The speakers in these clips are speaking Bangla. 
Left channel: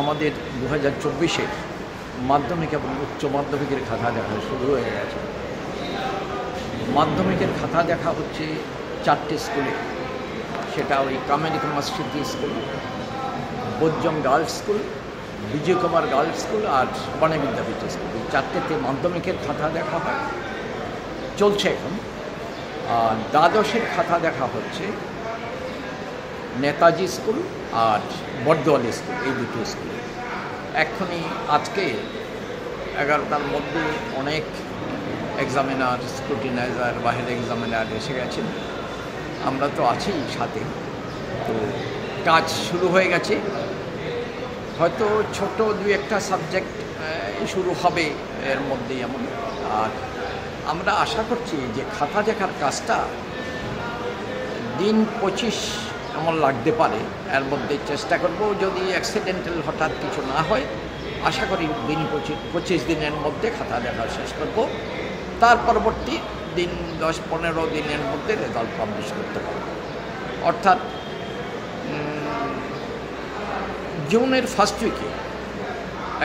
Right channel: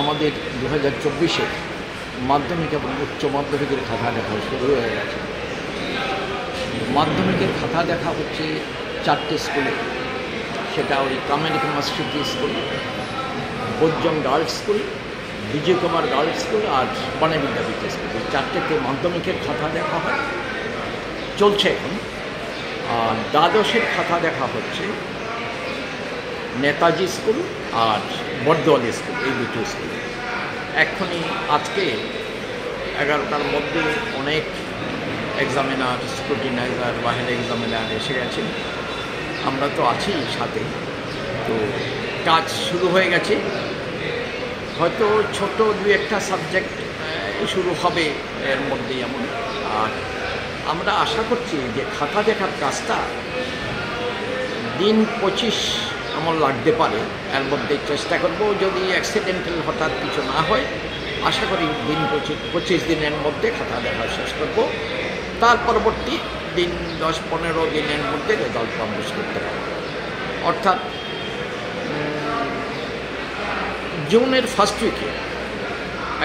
আমাদের 2024-এ মাধ্যমিক এবং উচ্চ মাধ্যমিকের খাতা দেখা শুরু হয়ে গেছে। মাধ্যমিকের খাতা দেখা হচ্ছে 4টে স্কুলে, সেটা ওই কামেরিকা মসজিদ স্কুল, বৈজং গার্লস স্কুল, বিজয় কুমার গার্লস স্কুল আর বনে বিদ্যাপীঠ স্কুল। এই 4টেতে মাধ্যমিকের খাতা দেখা হয়, চলছে এখন। আর দ্বাদশের খাতা দেখা হচ্ছে নেতাজি স্কুল আর বর্দোয়াল স্কুল, এই দুটো স্কুল। এখনই আজকে 11টার মধ্যে অনেক এক্সামিনার, স্ক্রুটিনাইজার বা হেড এক্সামিনার এসে গেছে, আমরা তো আছি সাথে। তো কাজ শুরু হয়ে গেছে, হয়তো ছোট 2-1টা সাবজেক্ট শুরু হবে এর মধ্যেই এমন। আর আমরা আশা করছি যে খাতা দেখার কাজটা দিন 25 এমন লাগতে পারে। এর মধ্যে চেষ্টা করব, যদি অ্যাক্সিডেন্টাল হঠাৎ কিছু না হয়, আশা করি দিন 25 দিনের মধ্যে খাতা দেখা শেষ করব। তার পরবর্তী দিন 10-15 দিনের মধ্যে রেজাল্ট পাবলিশ করতে পারব। অর্থাৎ জুনের ফার্স্ট উইকে,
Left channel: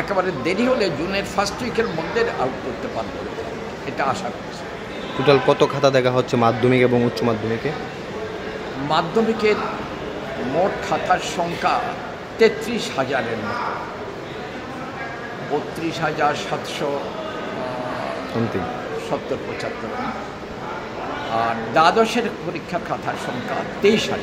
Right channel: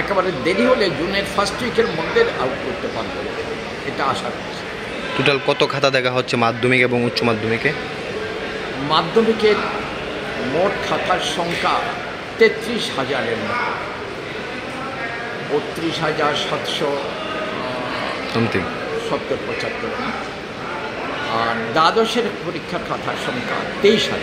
একেবারে দেরি হলে জুনের ফার্স্ট উইকের মধ্যে আউট করতে পারবো, এটা আশা করছি। টোটাল কত খাতা দেখা হচ্ছে মাধ্যমিক এবং উচ্চ মাধ্যমিকে? মাধ্যমিকের মোট খাতার সংখ্যা 33,000-এর মতো, 32,770-75। আর দ্বাদশের পরীক্ষার খাতার সংখ্যা 23,000।